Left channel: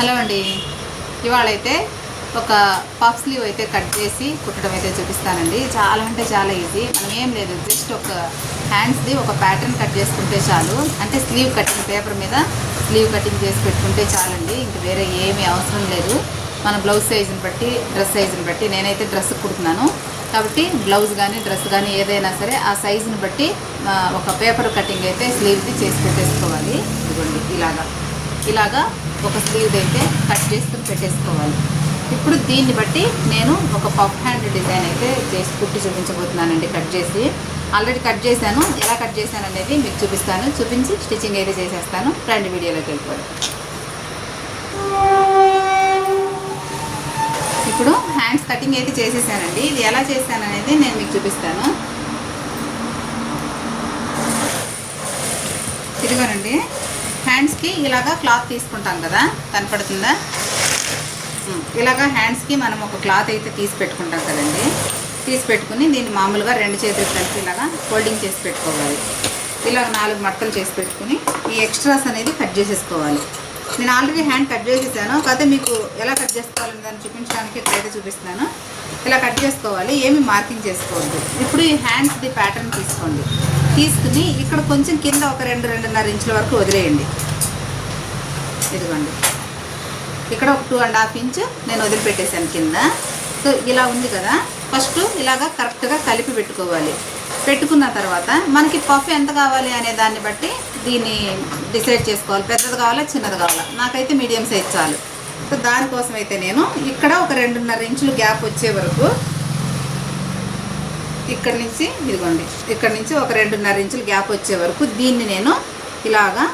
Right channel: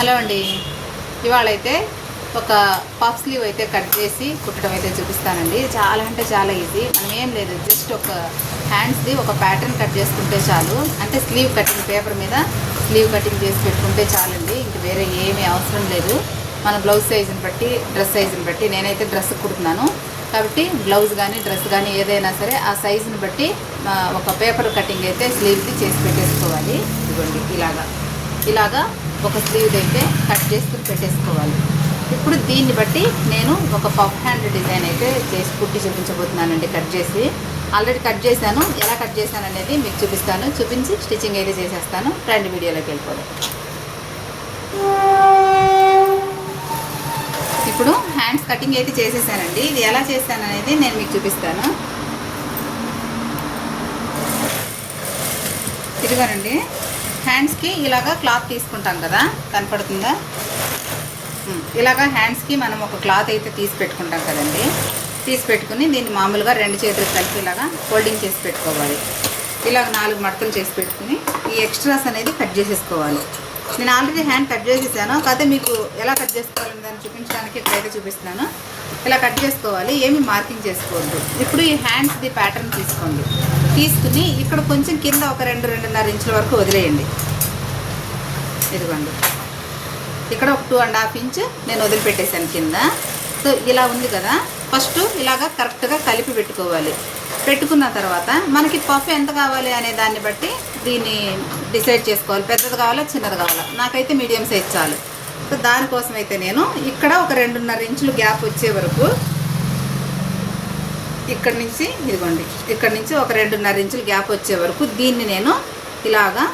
Hello అండి. ఇవాళైతే ఒక puff slew అయితే కట్ చేసి కుట్టడం అయితే చూపిస్తానండి. చాలా అంటే చాలా ఈజీ. ఏం లేదు, జస్ట్ ఒక హ్యాండ్స్ది ఒక ప్యాటర్న్ కట్ చేసుకుంటే చాలు. అంటే స్లీవ్ కటింగ్ పేపర్ మీద స్లీవ్ కటింగ్ చేసి పెట్టుకుంటే చాలండి. ఇంక వేరే ఏమీ అవసరం లేదు. మన బ్లౌజ్ సైజుని బట్టి, డ్రెస్ సైజుని బట్టి, నేనైతే డ్రెస్ కుడుతున్నాను కాబట్టి బ్లౌజ్ కానీ డ్రెస్ కానీ ఏదైనా సరే ఆ సైజుని బట్టి ఒక పేపర్ కటింగ్ అయితే స్లీవ్ది చేసి పెట్టేసుకోవాలి. ఇలాగా ఒక స్లీవ్ అయితే కట్ చేసుకుని పెట్టేసుకోవాలి. ఇప్పుడు దీన్ని బట్టి నేను ఒక పఫ్ హ్యాండ్ డిజైన్ అయితే చేసి కుట్టి చూపించబోతున్నానండి. కట్ చేసి ఆల్రెడీ కట్ చేశాను. ఎలా కట్ చేశాను అనేది మీకు చూపిస్తాను. చూపించి స్టిచ్చింగ్ అయితే చేసేస్తాను. రెండు వీడియోలోకి వెళ్ళిపోవాలి. ఇప్పుడు హ్యాండ్స్ కటింగ్ అయితే చేసేసానండి. ఇది ఎలా చేశాను అనేది నేను మీకు చూపిస్తాను. ఇదిగోనండి, హ్యాండ్స్కి ఇలాగా క్లాత్ తీసుకుంటాం కదా, కనపడుతుందా? ఇలాగా హ్యాండ్స్కి మనం ఒక క్లాత్ అయితే తీసి పెట్టుకుంటాం కదండి. తీసి పెట్టుకుని దీన్ని మామూలుగా రెండు చేతులు కలిపి ఇలాగా ఫోల్డింగ్ చేసి పెట్టుకోవాలి. ఇలాగ 4 మడతలు చేసి పెట్టుకుని ఈ ఎక్స్ట్రాస్ అనేది కట్ చేసేసుకోవాలి. నేను ఆల్రెడీ హ్యాండ్ కట్ చేసేసాను, కాకపోతే మీకు ఎలా కట్ చేసుకోవాలని దాన్ని చూపించడానికి ఇక్కడైతే చూపిస్తున్నాను. ఇలా కట్ చేసుకోవాలి, ఏమి మార్కింగ్ చేసుకోవాలి. ఇప్పుడు ఈ హ్యాండ్స్ది ప్యాటర్న్ తీసుకోండి. తీసుకుని ఇక్కడ కొంచెం కింద ఒక 2-2.5 ఇంచుల వరకు వదిలేయండి. ఇదిగోండి, ఇక్కడ ఒక 2.5 ఇంచ్ నేను వదిలిపెట్టేశాను కింద. సో ఇలా ఉంది కదా, ఫస్ట్ ఇలాగా కరెక్ట్గా కలిపి పెట్టుకోవాలి. పెట్టుకున్న తర్వాత మనకి పఫ్ ఎంత కావాలి అనే దాన్ని బట్టి దీన్ని డిసైడ్ చేసుకోవాలి. పెద్దది కావాలా, చిన్నది కావాలా? నాకైతే మీడియం సైజ్ చాలు. సో దానికోసం అయితే నేను ఇక్కడ ఒక 2.5 ఇంచులు గ్యాప్ వచ్చే వరకు ఇక్కడ నుంచి, ఇదిగోండి, ఇక్కడ నుంచి ఒక 2.5 ఇంచులు గ్యాప్ వచ్చే వరకు దీన్ని నేను ఇలాగా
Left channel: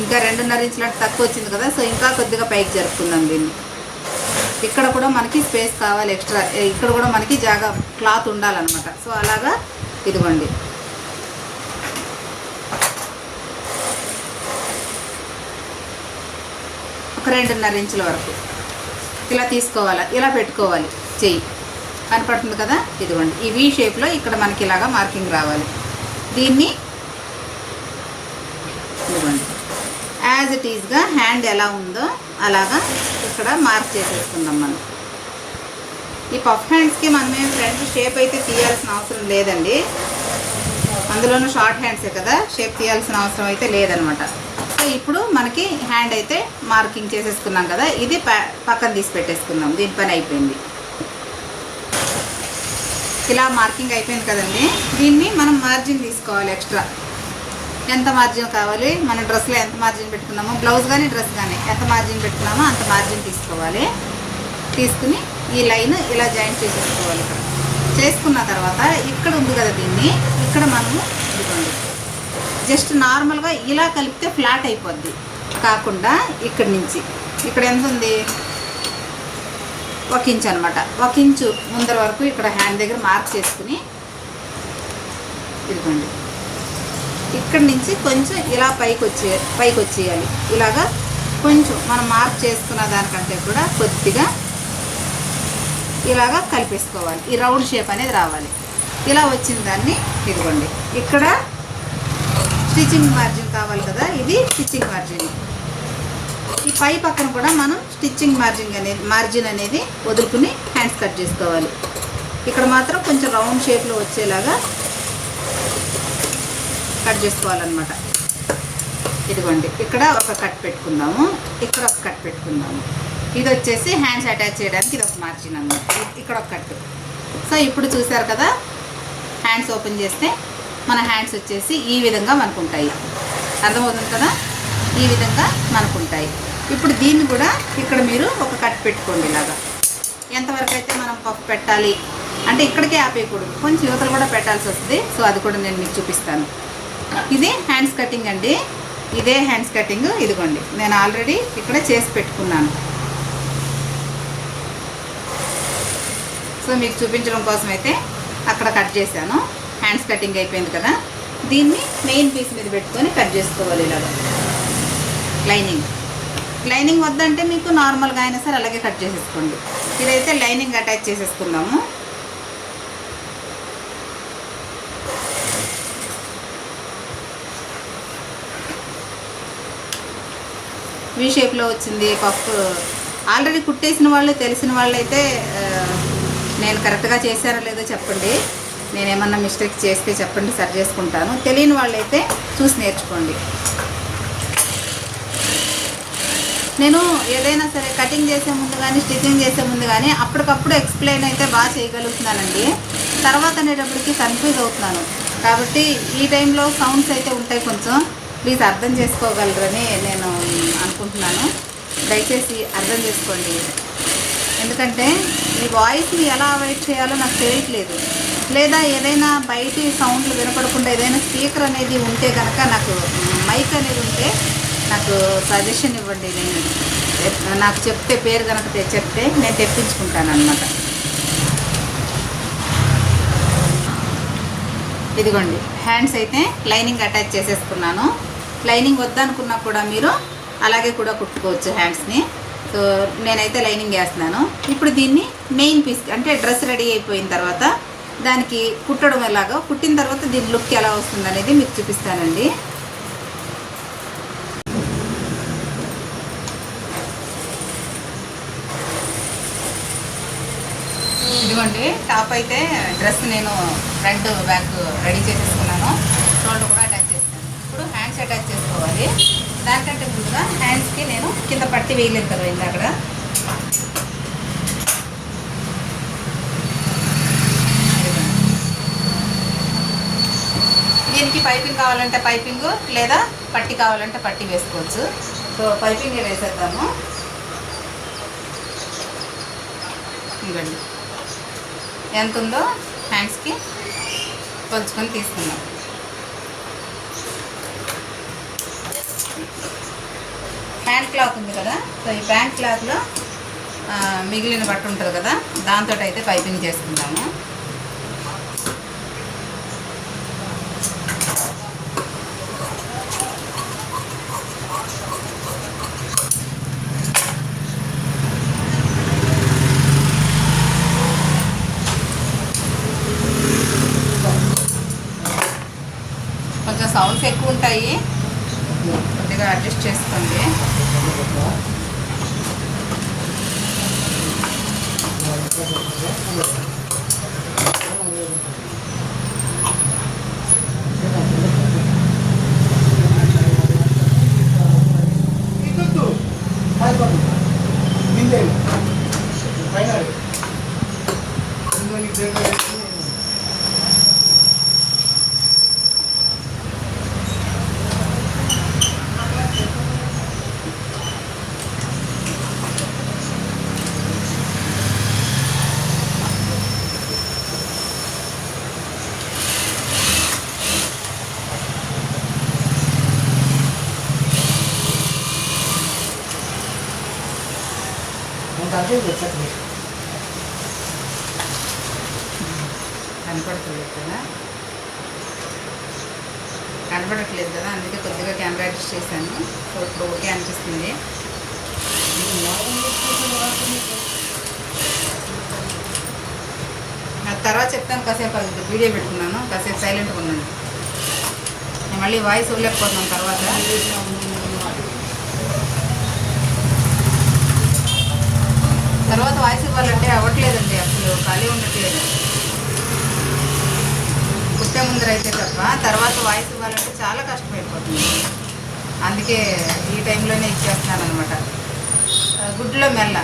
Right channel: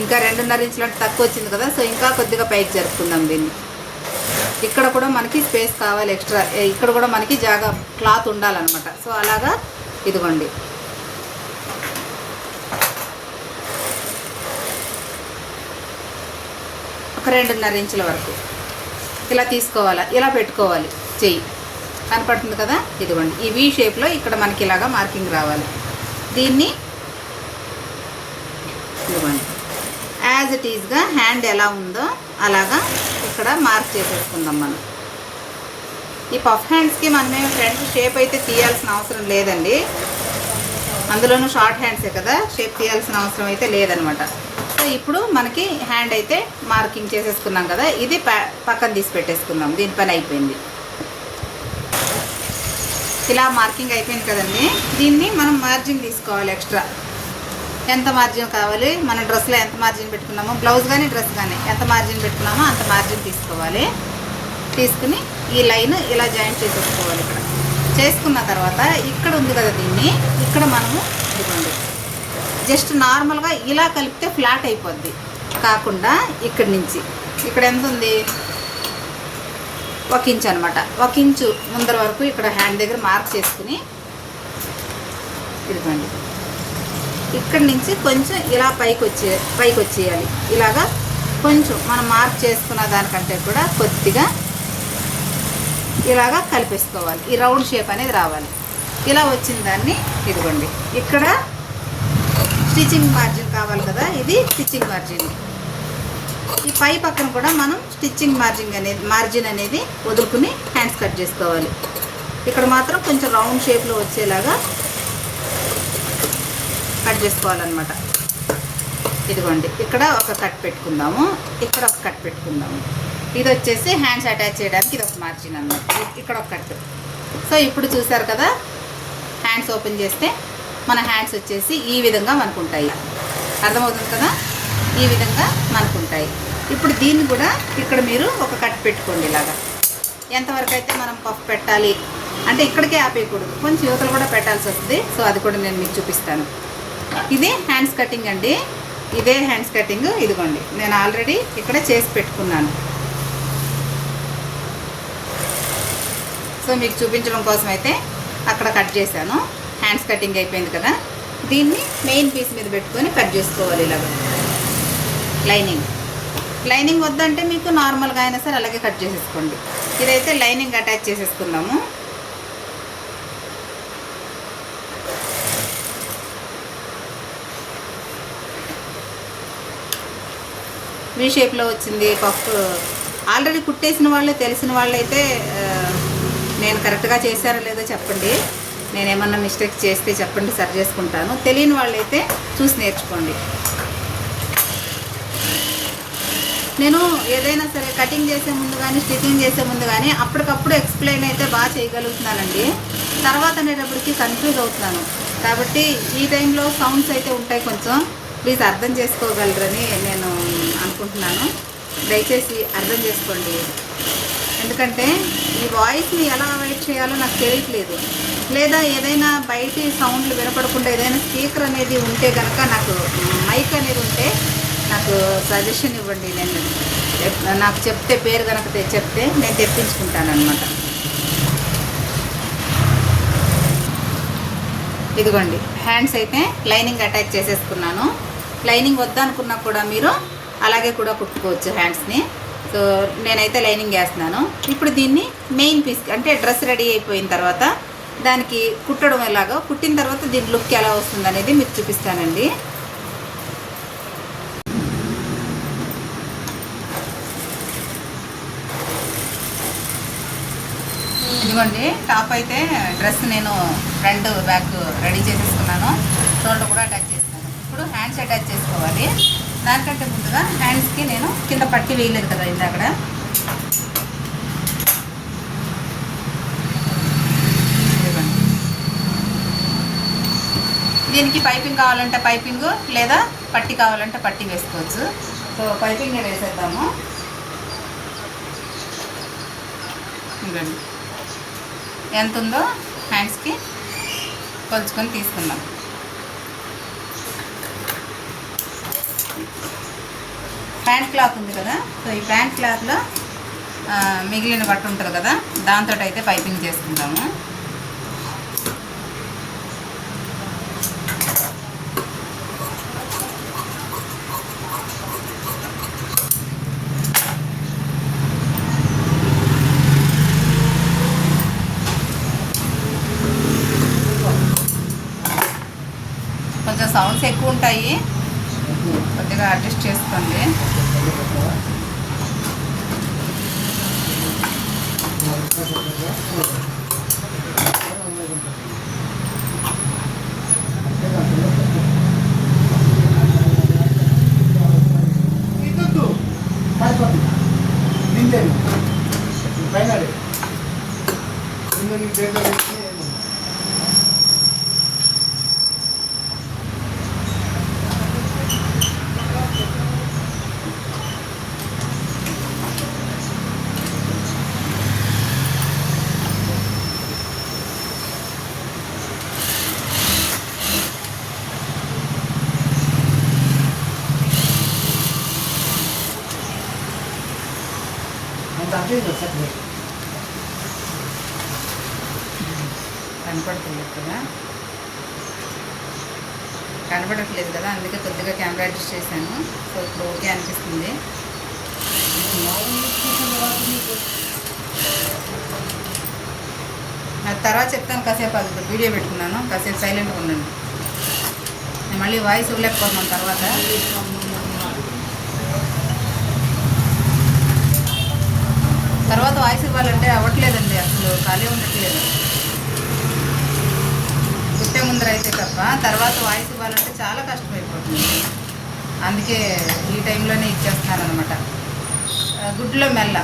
ఇంకా 2.5 ఇంచులు అంటే తక్కువ వచ్చింది కదా, సో ఇంకా కొద్దిగా పైకి జరుపుకుందాం దీన్ని. ఇక్కడ కూడా మనకి స్పేస్ కావాలి ఎక్స్ట్రా, ఇక్కడ కూడా మనకి జాగా క్లాత్ ఉండాలన్నమాట. సో అలాగా ఇదిగోండి, ఒక 2.5 ఇంచుల వరకు ఇలా తీసుకోవాలి. ఇలా పెట్టుకోవాలి. చెయ్యి కనపడుతుంది కదా, ఇదిగోండి, ఈ వీ షేప్లో ఇక్కడ మనకి ఇలాగా మార్కింగ్ రావాలి. దీన్ని ఇదిగోండి యాజ్ ఇట్ ఈజ్గా హ్యాండ్ ఎలా ఉందో అలాగా ఇక్కడ మార్క్ చేసేసుకుందాం. మనం ఈ పఫ్ హ్యాండ్స్కి మనమే ఫ్రంట్ షేప్ అయితే తీయాల్సిన అవసరం లేదండి. అందులోనూ షార్ట్ హ్యాండ్సే కదా, షేప్ తీయాల్సిన అవసరం అయితే లేదనమాట. సో ఇప్పుడు మనకి హ్యాండ్ అయితే మార్కింగ్ చేసేసుకున్నాం కదా, ఇది పక్కన తీసి పెట్టేసుకుందాం. దీని పని అయిపోయింది. ఇలా మార్కింగ్ అయిపోయింది కదండి. దీన్ని మనం మార్జిన్ తీసుకోవాలి. ఎక్స్ట్రా ఎంత మార్జిన్ కావాలి, మన డ్రెస్లో ఎంత మార్జిన్ పెట్టుకున్నామో, బ్లౌజ్ కానీ డ్రెస్ కానీ ఎంత మార్జిన్ పెట్టుకున్నామో అంత మార్జిన్ తీసుకోవాలి. తీసుకుని ఈ లైన్ ఇలా జాయింట్ చేసేసుకోవాలి. ఇక్కడ చేసుకున్న తర్వాత ఇక్కడ ఉంది కదా, దీన్ని ఇక్కడ మనము జస్ట్ నార్మల్గా ఇలా కలిపితే ఫ్లాట్ అయిపోద్ది. కాకుండా ఇక్కడ నుంచి ఇక్కడ ఎంత ఉంది, 1 ఇంచ్ అనమాట. 1 ఇంచు ముందర వరకు ఇక్కడ హ్యాండ్ దగ్గర మార్క్ చేసుకుని ఇదిగోండి, ఇక్కడ నుంచి కొంచెం ఇలా పైకి వచ్చేయాలి. ఇలాగా కొంచెం మనం మార్క్ చేసుకున్న దానికంటే కూడా కొద్దిగా ఇలాగా కలిపేసుకోవాలి. ఈ రౌండ్ షేప్ అనేది రావాలి. ఇలా వచ్చిన దాన్ని ఇదిగోండి, ఇక్కడ స్టిచ్చింగ్ మార్జిన్ కావాలి కదా, ఇది స్టిచ్చింగ్ మార్జిన్. ఈ పై పక్కన కూడా మనం స్టిచ్చింగ్ మార్జిన్ అనేది వదులుకుని హ్యాండ్స్ కట్ చేసుకోవాలి. ఇక్కడ మాత్రం కొంచెం రౌండ్ షేప్లో వచ్చేలాగా కట్ చేసుకోవాలన్నమాట. ఇదిగోండి, ఇక్కడ ఒక కట్ పెట్టుకుందాము, ఇక్కడ ఒక కట్ పెట్టుకుందాము. ఇది వచ్చేసి హ్యాండ్స్ అటాచ్ చేయడానికి ఇది ఒక మార్జిన్ అన్నమాట. ఇక్కడ ఒక కట్. సో ఇప్పుడు చూసారు కదా, హ్యాండ్స్ ఓపెన్ చేస్తే మన హ్యాండ్స్ వచ్చేసి ఈ విధంగా మనకు ఉంటాయి. అర్థమవుతుంది కదా, ఈ విధంగా మనకు ఉంటాయి. ఇప్పుడు దీన్ని కూడా ఇక్కడ మీరు ఒక కట్ పెట్టుకోండి. ఇలాగా ఎంతవరకు అయితే మనం పఫ్ పెట్టాలి అంటే ఇక్కడికే ఆపేయకూడదు, కొంచెం యువతలు కూడా పెట్టాల్సి వస్తుంది. సో అది కూడా నేను మీకు చూపిస్తాను. ఇది హ్యాండ్స్ కటింగ్ అండి. ఇదే హ్యాండ్స్ కటింగ్. ఇదిగోండి, నేను ఆల్రెడీ ఇక్కడ చేసి పెట్టుకున్నాను. సో మీకు చూపించడం కోసం అయితే అక్కడ కట్ చేశాను. హ్యాండ్స్ కటింగ్ అయిపోయింది కదా, దీన్ని మెయిన్ పీస్ మీద పెట్టుకొని కట్ చేసుకోవాలి. ఇలాగ లైనింగ్ వద్దంటే మీకు నార్మల్గా అయినా సరే అలాగే కట్ చేసేసుకోండి. ఇదైతే లైనింగ్ అటాచ్ చేసేసుకుందాము. వీ షేప్లో వచ్చింది పఫ్. ఆల్రెడీ కుట్టేసిన వాళ్ళు తెలిసిన వాళ్ళు అయితే నేను కరెక్ట్గా చేశానో లేదో చెప్పండి. నేనేమన్నా మిస్టేక్ చేస్తే చెప్పండి, సరి చేసుకుంటాను. తెలియని వాళ్ళైతే చూసి నేర్చుకోండి. నేను ఏదైనా సరే కటింగ్ చేసే ముందు కానీ స్టిచ్చింగ్ చేసే ముందు కానీ అప్పటికప్పుడు ఎక్స్ప్లెయిన్ అయితే బాగా చేయగలుగుతున్నానండి. తర్వాత అనేటప్పటికి కన్ఫ్యూజ్ అవుతున్నాను. కాబట్టి ఈ టైంలో సౌండ్స్ అయితే ఉంటాయి, కొంచెం ప్లీజ్ అర్థం చేసుకోగలరని నేను అనుకుంటున్నాను. దయచేసి అర్థం చేసుకోండి. ఎందుకంటే ఈ వాయిస్ని ఎలా అవాయిడ్ చేయాలో నాకు తెలియట్లేదు. లేదా ఏదైనా బయటి సౌండ్లు వినపడకుండా ఏదైనా స్పీకర్ అనేది ఉంటే కనుక, నాకు మైక్ అనేది ఉంటే నాకు సజెషన్ ఇవ్వండి. నేను నాకు చెప్తే పేరు కనుక చెప్తే నేను తెప్పించుకుంటాను అన్నమాట. ఇదిగోండి హ్యాండ్స్ అయితే లైనింగ్ అటాచ్ చేసేసుకున్నాను. లైనింగ్ వద్దనుకున్నా కూడా మీరు అలాగే కూడా కుట్టుకోవచ్చు హ్యాండ్స్ని. సో నేనైతే లైనింగ్ వేస్తున్నాను. ఇప్పుడు దీన్ని మెయిన్ పీస్ అంటే డ్రెస్ రెడీ అయిపోయిన తర్వాత దానికి కుట్టడం ఎలాగో, కుట్టిన తర్వాత దీని లుక్ ఎలా వస్తుంది అనేది మీకు చూపిస్తానండి. ఇదిగోండి టాప్ అయితే డ్రెస్ నేను ఫ్రంట్ బ్యాక్ రెడీ చేసేసుకున్నాను. షోల్డర్ కూడా అటాచ్ చేస్తాను. ఇప్పుడు హ్యాండ్స్ అటాచ్ చేసుకోవాలి. దానికంటే ముందుగా హ్యాండ్స్కి నేను కింద పట్టి వేయలేదు కదా ఇందాక, దీనికి పైపింగ్ కావాలంటే పైపింగ్, లేదా పట్టి కావాలంటే పట్టి వేసుకోవచ్చు. సో పైపింగ్ వేసేద్దాము. ఇంకండి ఎంత ఉందో హ్యాండ్స్కి కొలుచుకొని తీసుకుందాం. ప్యాంట్ క్లాత్ ఉంది కదా, సో ఈ ప్యాంట్ క్లాత్లో మిగిలిన బట్ట ఉంటుంది కదా, దాంతో అయితే పైపింగ్ చేసుకుందాము. కొంచెం సౌండ్స్ ఎక్కువ ఉంటాయి, కొద్దిగా అడ్జస్ట్ చేసుకోండి. కనపడట్లేదు కదా, అందుకే కొద్దిగా కెమెరా అడ్జస్ట్ చేశాను. సో ఇప్పుడు ఓకే అనిపిస్తుంది. నాకు తర్వాత చెప్తాను. కాసేపు అది వీడియో పెట్టుకున్నాను, కాసేపు సైలెంట్గా ఉండండి. నేను మళ్ళీ వాయిస్ ఇవ్వలేకపోతున్నాను తర్వాత. తర్వాత వాయిస్ ఇవ్వాలంటే అవ్వట్లేదండి, అసలు ఖాళీ ఉండట్లేదు. కుట్టే ముందర అయితే తప్ప తర్వాత వాయిస్ ఇవ్వాలంటే చాలా కష్టమైపోతుంది. అందుకే ఈ టైంలోనే ఇచ్చేస్తున్నాను అనమాట. గుడ్లో మెల్ల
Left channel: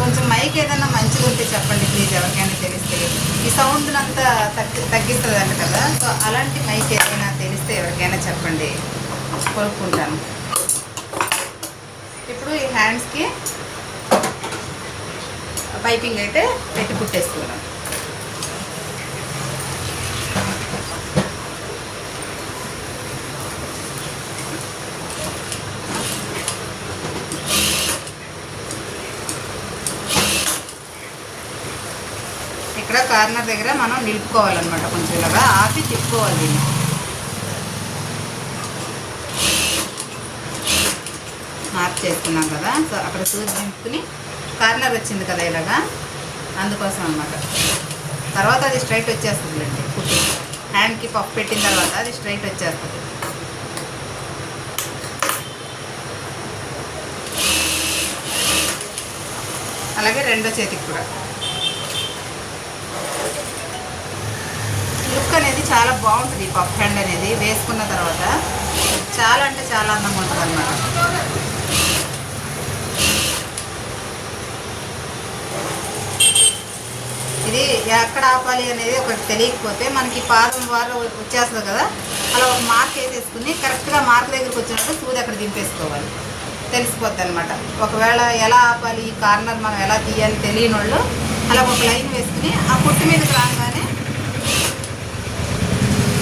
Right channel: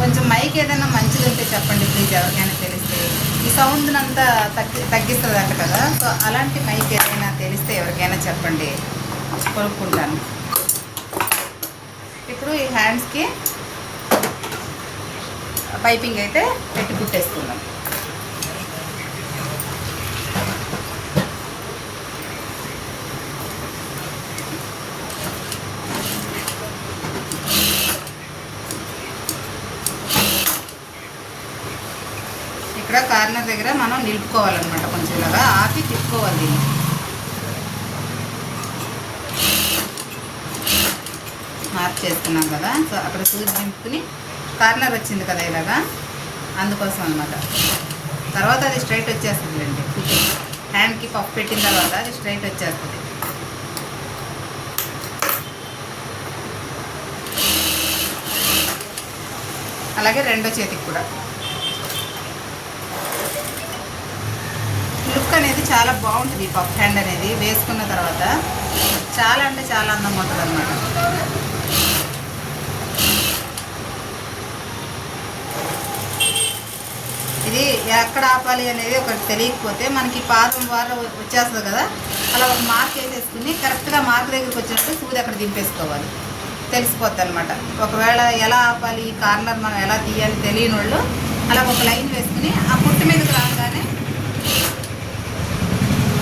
కొంచెం మైక్ ఏదైనా మంచిది ఉంటే చెప్పండి ప్లీజ్, ఎవరికైనా తెలిస్తే. ఈ సౌండ్ అంతా తగ్గిస్తుంది అంట కదా, సో అలాంటి మైక్ ఏదైనా తెలిస్తే ఎవరికైనా చెప్పండి, కొనుక్కుంటాను. ఇప్పుడు ఈ హ్యాండ్స్కి పైపింగ్ అయితే పెట్టి కుట్టేసుకుందాం. ఇక్కడ కార్నర్ దగ్గర మనం నిలుపుకోవాలన్నమాట, కొంచెం ఇలాగా ఆపి తిప్పుకోవాలి. మార్క్ చేస్తున్నాం కదా, సో అక్కడ సూది దింపుకుని కార్నర్ వచ్చింది కదా ఇలాగా, అందుకోసం అన్నమాట. తర్వాత అది స్ట్రైట్ వచ్చేస్తుంది అండి. హ్యాండ్కి పప్పు పెట్టిన తర్వాత అది స్ట్రైట్ వచ్చేస్తుంది. అలాగే రెండో చేతికి కూడా. లుక్ అనేది చాలా బాగుంటుంది ఈ పఫ్ హ్యాండ్ అనేది వేసుకున్న తర్వాత. చాలా అంటే చాలా అందంగా ఉంటుంది అన్నమాట. ఇది ఎక్కడ ఆపాలి అనేది ఒకటి తెలియకపోతే మనకి పాదం వారు వచ్చేస్తుంది కదా, అలా ఒక మార్క్ వేసేసుకుని కరెక్ట్గా మార్క్ దగ్గరికి వచ్చినప్పుడు సూది అక్కడ దింపేసుకోవాలి, తెలిసిపోద్ది అనమాట. ఒకవేళ ఎలా ఆపాలి ఈ కార్నర్ మనం ఎలా తీయాలి తెలియని వాళ్ళు అలా ఒక లైన్ వేసుకుని ఆ కుట్టు మీదకి రాగానే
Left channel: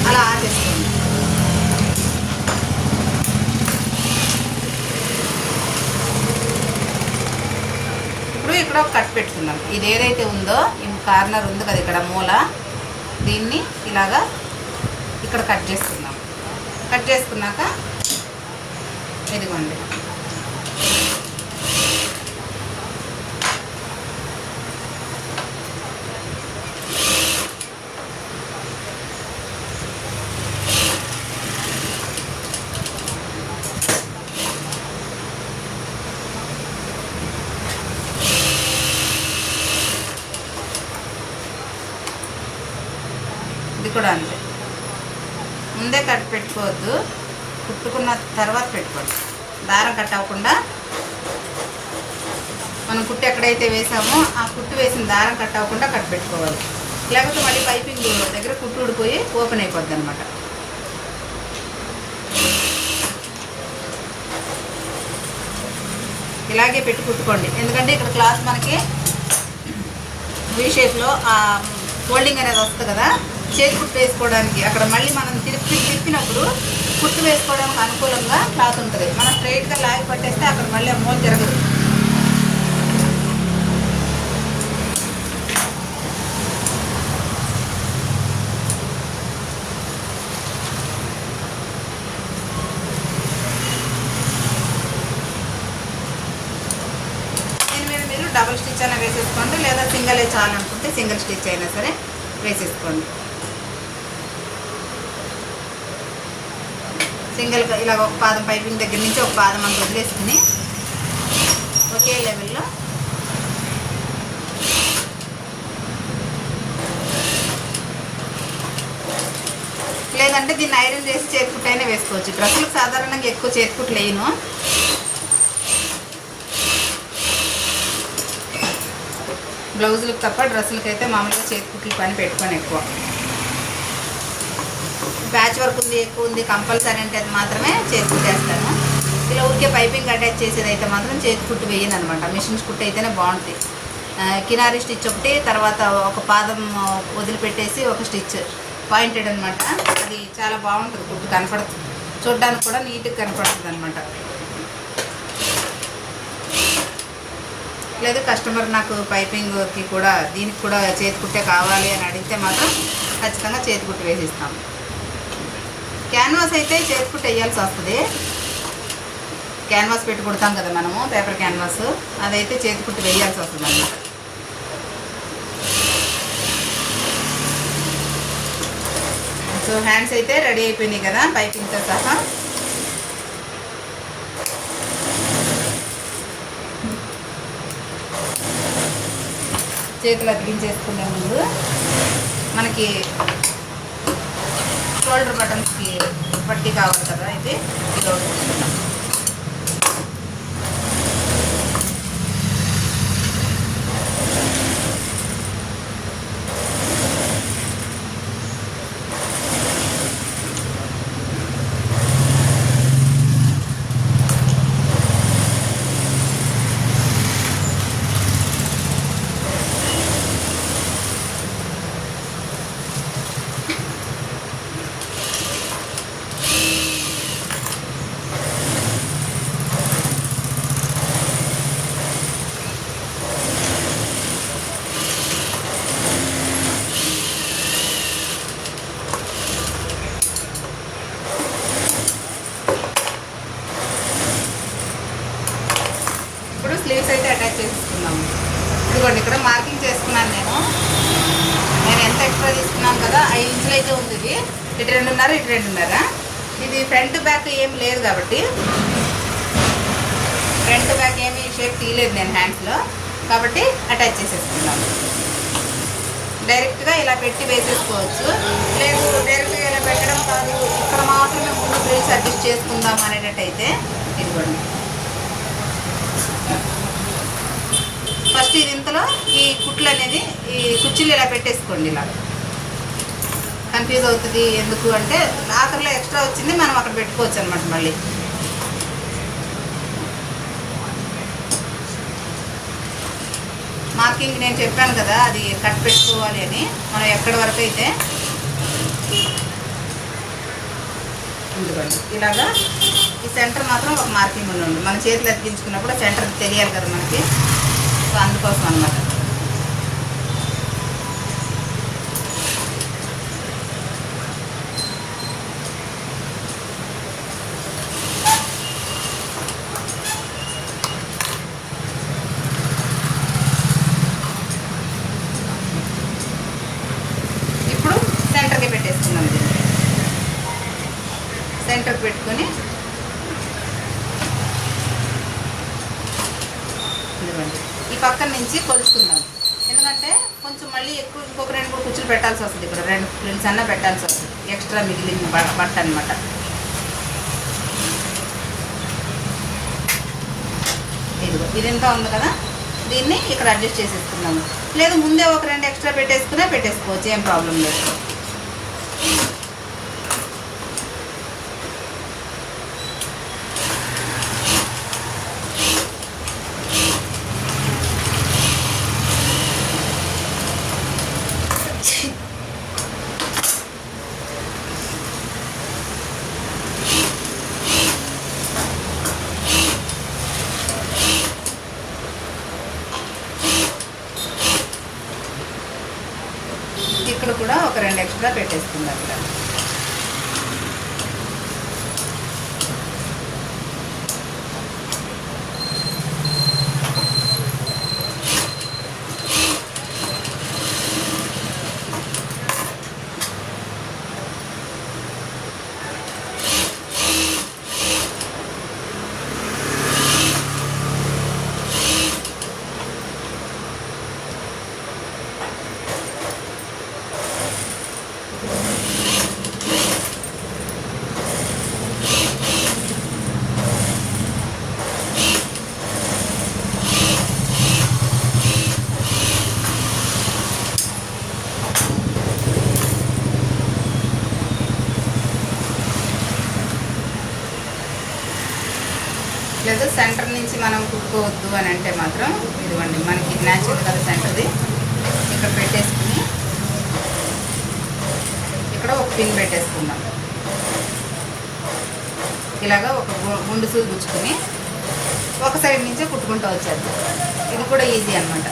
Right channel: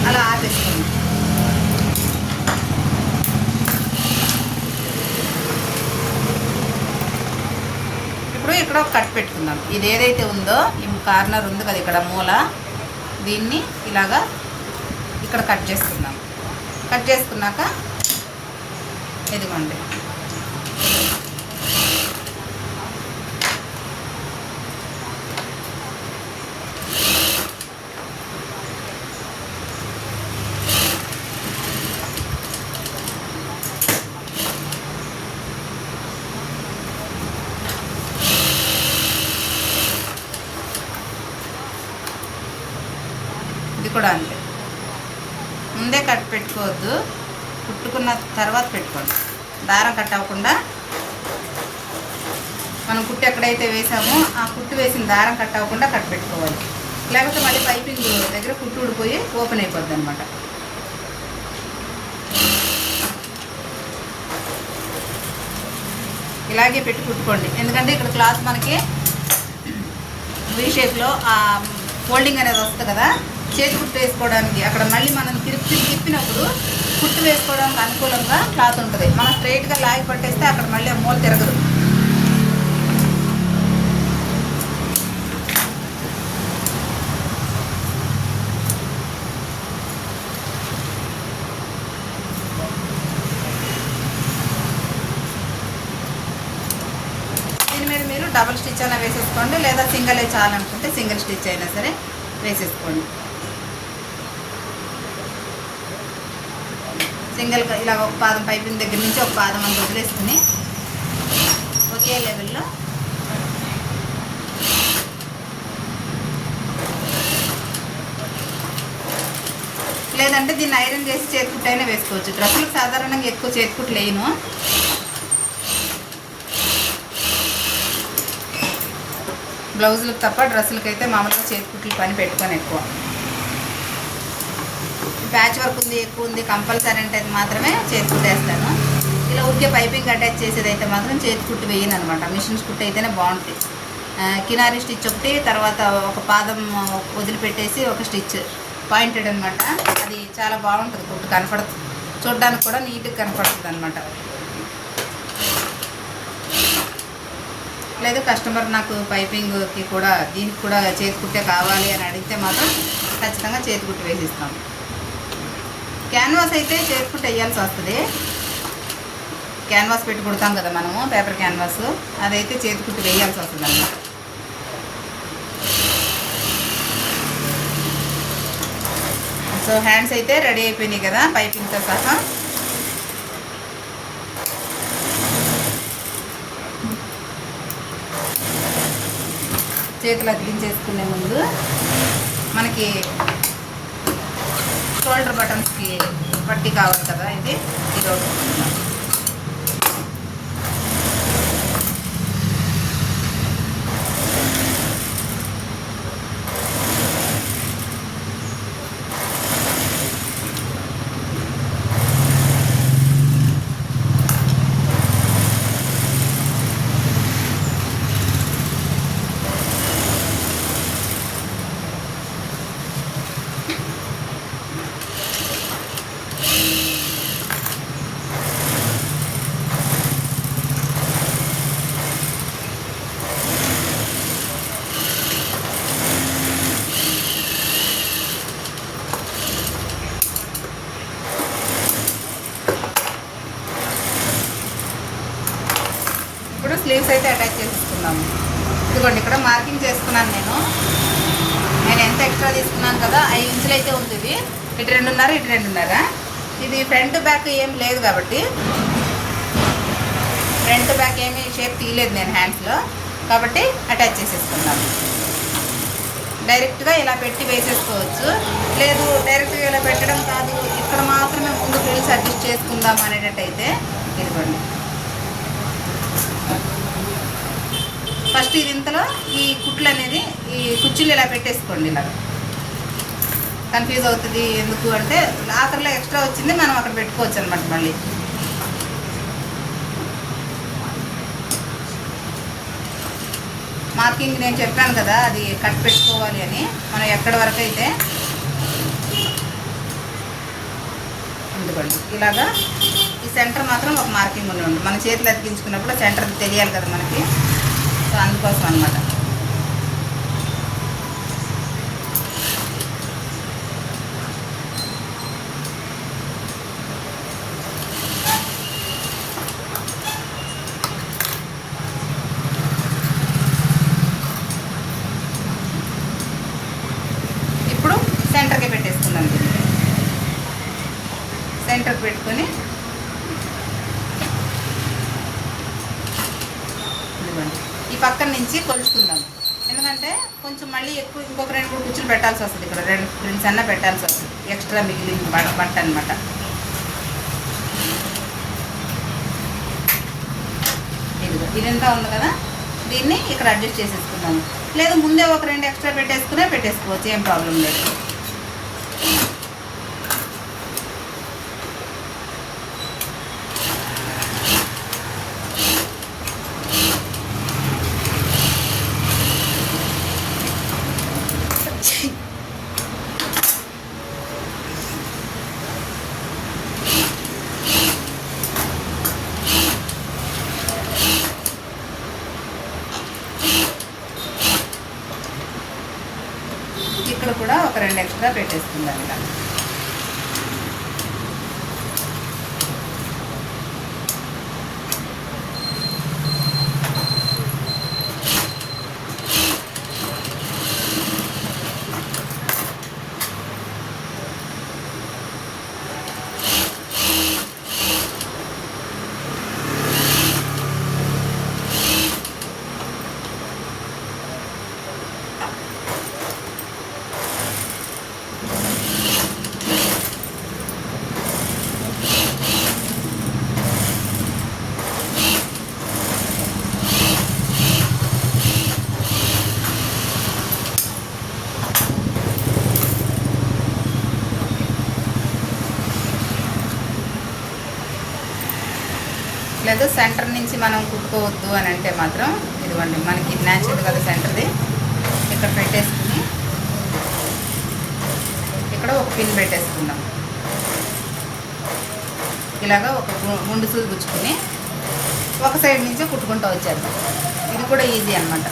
అలా ఆపేసుకోండి. ఇప్పుడు ఇక్కడ ఒక కట్ పెట్టుకుందాం. ఇది ఏదైతే ఉందో ఈ కార్నర్ ఉంది కదా ఇక్కడ మూల, దీన్ని ఇలాగా ఇక్కడ కట్ చేసుకుందాం. కట్ చేసుకున్నాక ఇదిగోండి కూడా అంతే. ముందే కట్ పెట్టుకోవద్దు, కుట్టుకున్న తర్వాత పెట్టుకోండి. దారం కట్ అవ్వకుండా మనం కుట్టు ఎక్కడైతే వేసామో ఆ కుట్టు వేసిన దారం కట్ అవ్వకుండా కట్ పెట్టుకోవాలి. లేకపోతే మళ్ళీ పైపింగ్ దగ్గర కుట్టు ఊడిపోయి ఓపెన్ అయిపోద్ది అనమాట. ఇలాగే పెట్టి కుట్టుకోండి. ఎందుకంటే ఇక్కడ క్లాత్ మనకి వీ షేప్లో ఆ ఫోల్డింగ్ అనేది వస్తుంది కదా, చేతి కుట్టు వేసుకోవడానికి అక్కడ మళ్ళీ మనం తిప్పినప్పుడు కుట్టు వేసుకోవడానికి అనుకూలంగా క్లాత్ ఉంటుంది. మనం స్ట్రైట్గా లాగి పట్టేస్తే అక్కడ మళ్ళీ ఆ మూల తిరగదు. దీని మీద మీరు డబుల్ స్టిచ్ అయినా వేసేసుకోండి, లేదా సింగిల్ చాలనుకుంటే సింగిల్ స్టిచ్ అయినా సరే వేసేసుకోండి. సింగిల్గా ఇలా ఒక పాదం పైపింగ్ దగ్గర నుంచి ఒక పాదం అంత వదిలేసుకుని ఒకే లెవెల్లో లేదంటే దీన్ని ఐరన్ చేసి చేతికుట్టు అయినా వేసుకోవచ్చు. డ్రెస్సులకు సాధారణంగా ఎక్కువ చేతికుట్లు వేయను. బ్లౌజులకు తప్ప డ్రెస్సులకు అయితే మామూలుగా చేతికుట్లు పని పెట్టుకొని ఎక్కువ. ప్యాచ్ వర్క్ ఉంది ఎక్కువ ఉంది కంపల్సరీ అంటే మాత్రమే చేతికుట్టు వేస్తాను. ఇలా ఊరికే పైపింగ్ అటాచ్ చేసేది అయితే మాత్రం చేతికుట్టు వేయను అనమాట. మిషన్ కుట్టు అయితేనే బాగుంటుంది. కినారీ స్టిచ్ ఒకటి, తర్వాత ఒక పాదం వదిలిపెట్టేసి ఒక స్టిచ్ పాయింటెడ్ అనమాట. అది చాలా బాగుంటుంది, కుట్టు కనపడుతుంది, చూడడానికి కూడా నీట్గా కనపడుతుంది అనమాట. లేదు కస్టమర్ నాకు పైపింగ్కి కూడా దీనికి కూడా చేతికుట్టే కావాలి అని అడిగితే మాత్రం ఖచ్చితంగా చేతికుట్టు వేసిస్తాం. క్యాన్వాస్ అయితే చేతికుట్టు వేయాల్సి వస్తుంది. క్యాన్వాస్ పెట్టి కుడతాం కదా మనము, పేపర్ క్యాన్వాస్, అదైతే చేతికుట్టు వేయాల్సి వస్తుంది అన్నమాట. సో హ్యాండ్స్ అయితే రెడీ అయిపోయినాయి కదా పైపింగ్తో సహా. చేతులు అతికించేసుకునే ముందు మనకి షోల్డర్ బటన్స్కి పట్టి కావాలి కదా, అయితే ఇది ఒకటి కుట్టుకుందాం. ఇప్పుడు స్లీవ్స్ అయితే అటాచ్ చేసుకుందాము. ఇదిగోండి ఇక్కడ మార్కింగ్ చేసుకున్నాను నేను ఎంత ఎక్స్ట్రా తీసుకున్నాను కదా, 5 ఇంచులు అయితే ఉంటుంది. ఇటు 2.5 ఇటు 2.5. ఇది ఫ్రంట్ బ్యాక్ ఏం లేదు కాబట్టి ఫ్రంట్ బ్యాక్ ఏమీ షేప్ తీయలేదు నేను హ్యాండ్స్లో. కాబట్టి అటాచ్ చేసేసుకుందాము. డైరెక్ట్గా ఇలా పెట్టి వేసేసుకోవచ్చు, లేదు డైరెక్ట్గా ఇలా పెట్టడం కాదు ఇక్కడ మాత్రమే ముందు ఫ్రిల్స్ అడ్జస్ట్ చేసుకుందాం అనేటట్టయితే ఇదిగోండి. ఫస్ట్ ఇది ఇంతలో ఈ కుట్లు అనేది ఈ కుర్చీలు ఇలా పెట్టేసుకోండి. ఇలా కన్ఫ్యూజ్ అవుతుంది ఎందుకు అంటే ఆఖరిలో ఎక్స్ట్రా వచ్చింది మనం అక్కడ పెట్టుకోవచ్చు అనమాట. మళ్ళీ మార్కింగ్ నేను చెప్పాను కదా, అది కట్ పెట్టుకోవాలి అని. మనం ఎక్కడి వరకు అయితే ఎందుకండి ఇలాగా ఈ సెంటర్ మాత్రం ఒక మార్కింగ్ ఉండి మన చేతులు అతికించుకున్నప్పుడు సెంటర్ తెలియాలి కదా మనకి. సో అందుకోసం అన్నమాట. ఇప్పుడు సెంటర్కి పెట్టేసుకున్నాం. సెంటర్కి పెట్టుకొని ఈ పక్కన నుంచి కొలుచుకుందాం. ఎందుకంటే కొంచెం మళ్ళీ ఎక్కువ ఇంకొక 2-3 కుర్చీలు పెట్టాల్సి వస్తుంది. ఇక్కడ 2 ఫ్రిల్స్ అన్నా పెట్టాల్సి వస్తుంది, ఎక్స్ట్రా మిగిలిన బట్ట అనమాట. ఇదంతా ఉంది కదా, దీన్ని ఇక్కడ అడ్జస్ట్ చేసేసుకుందాము. లేదు ముందే ఒక 2 ఎక్స్ట్రా పెట్టేసుకోవచ్చు, ఏం ప్రాబ్లం లేదు. ఇక్కడ కూడా ఒక 2 ఎక్స్ట్రా పెట్టేసుకుందాం ఇలా. లేదు సెంటర్ నుంచి మనం కుట్టుకోవద్దు అని అంటే మాత్రం ఇదిగోండి, మనకి న్యాచురల్ కదా సెంటర్ది. ఇక్కడ పెట్టేసుకుని ఇక్కడ ఒక పిన్ పెట్టేసుకుందాం. ఇలాగా ఒక గుండు సూది గుచ్చుకుని ఒక సైడ్ నుంచే కుట్టుకుంటూ వచ్చేద్దాం. ఇది కూడా ఈజీ అన్నమాట.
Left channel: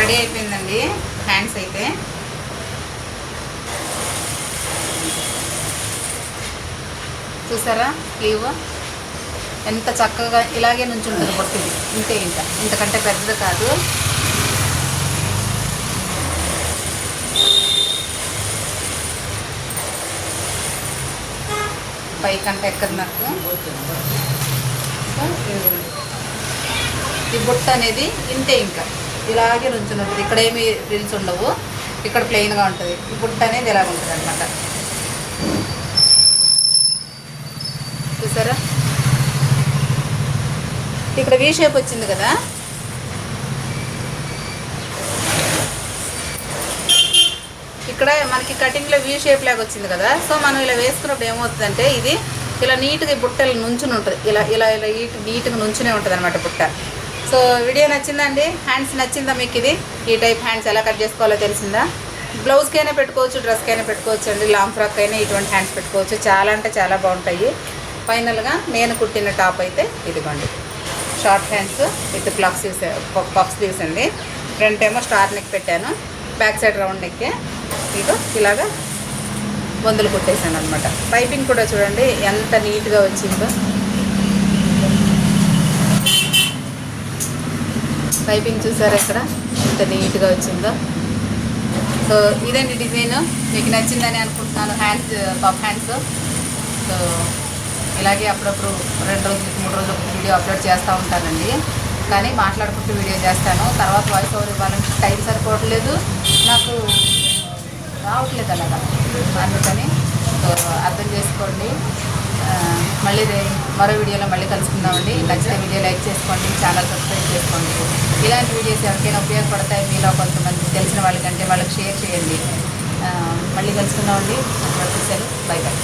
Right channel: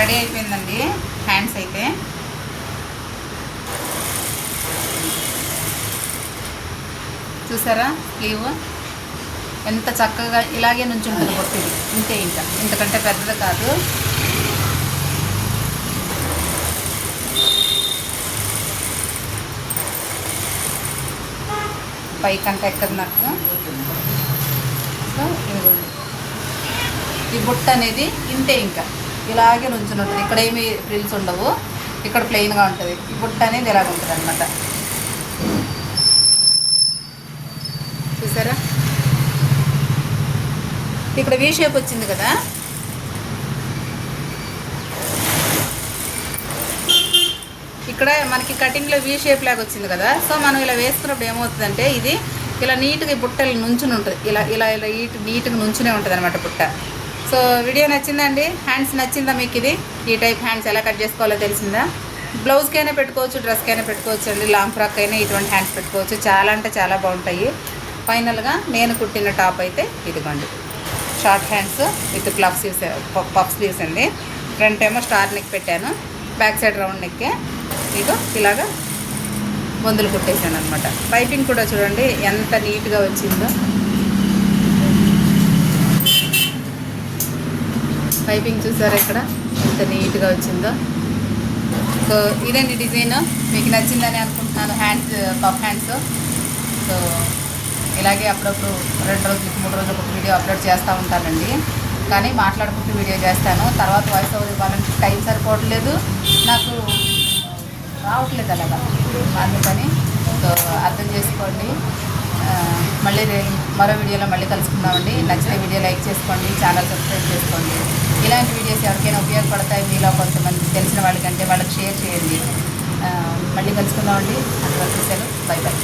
రెడీ అయిపోయిందండి హ్యాండ్స్ అయితే. చూసారా స్లీవ్ ఎంత చక్కగా ఇలాగే నుంచి ఉంటుంది బొట్టుది. ఇంతే, ఇంకా ఇంతకంటే పెద్దది కాదు. పైకంటే ఎక్కడ నాకు ఇదిగోండి, ఈ బుట్ట అనేది ఇంతే, ఇంకా ఇలాగే నుంచుని ఉంటుంది. ఇక్కడ ఏమి రిల్స్ ఉండవు, ఇక్కడ ప్లెయిన్గా ఉంటుంది. ఈ బుట్ట అనేది ఇలాగ ఉంటుంది అన్నమాట. చూసారా ఇక్కడ వీ షేప్ వచ్చింది కదా, ఇక్కడ మనకి కటింగ్లో వీ షేప్ లాగా వచ్చింది కదా. సో మనం ఇలా వేసుకున్నప్పుడు ఏమవుతుందంటే ఇది ఇలా నీట్గా ఈ బుట్టలు నుంచుని ఉంటుంది. ఇలా ఇలా ఇలా నీట్గా నుంచునే ఉంటుంది అనమాట బుట్ట. సో వీడియో నచ్చిందండి? హ్యాండ్స్ నచ్చిందా మీకు? ఈ టైప్ హ్యాండ్స్ ఎలా కట్ చేసుకోవాలో తెలిసిందా? బ్లౌజ్కైనా పెట్టుకోవచ్చు, డ్రెస్కైనా పెట్టుకోవచ్చు అండి. లాంగ్ ఫ్రాక్ అయినా ఇటువంటి హ్యాండ్స్ పెట్టుకోవచ్చు. చాలా అంటే చాలా బాగుంటాయి. ఫైనల్గా నేను కుట్టిన టాప్ అయితే ఇదిగోండి, short hands with puff sleeves అండి. ఫ్రంట్ ఏమో స్టార్ నెక్ పెట్టాను, బ్యాక్ సైడ్ రౌండ్ నెక్. మీకు ఇలాగా బొందులు కుట్టేసాను అనమాట. పైపింగ్ కూడా చూడండి ఎంత నీట్గా వచ్చిందో. పైపింగ్ చూసారా ఇక్కడ ఎంత నీట్గా వచ్చిందో. సో ఇదండి డిజైన్. మీకు నచ్చిందని అనుకుంటున్నాను. Hands puff hands. సో ఇలాగే అప్పుడప్పుడు 2 రోజులకి 3 రోజులకు ఒక వీడియో అప్లోడ్ చేస్తూ ఉంటానండి. కానీ మాట్లాడుకుంటూ వీడియో చేస్తాను. తర్వాత వాయిస్ ఓవర్ ఇవ్వాలంటే టైం సరిపోవట్లేదు, నాకు రావట్లేదు అలాగా. అందుకని సో అర్థం చేసుకోండి. మళ్ళీ మరో వీడియోలో మళ్ళీ కలుసుకుందామండి. నచ్చితే వీడియో లైక్ చేసుకోండి, ఛానల్ సబ్స్క్రైబ్ చేసుకోండి. ఇలాంటి వీడియోస్ ఎవరికైనా ఉపయోగపడతాయి, మీలో కొంతమంది తెలిసిన వాళ్ళకంటే వాళ్ళకి షేర్ చేయండి. మళ్ళీ కలుసుకుందామండి. By by.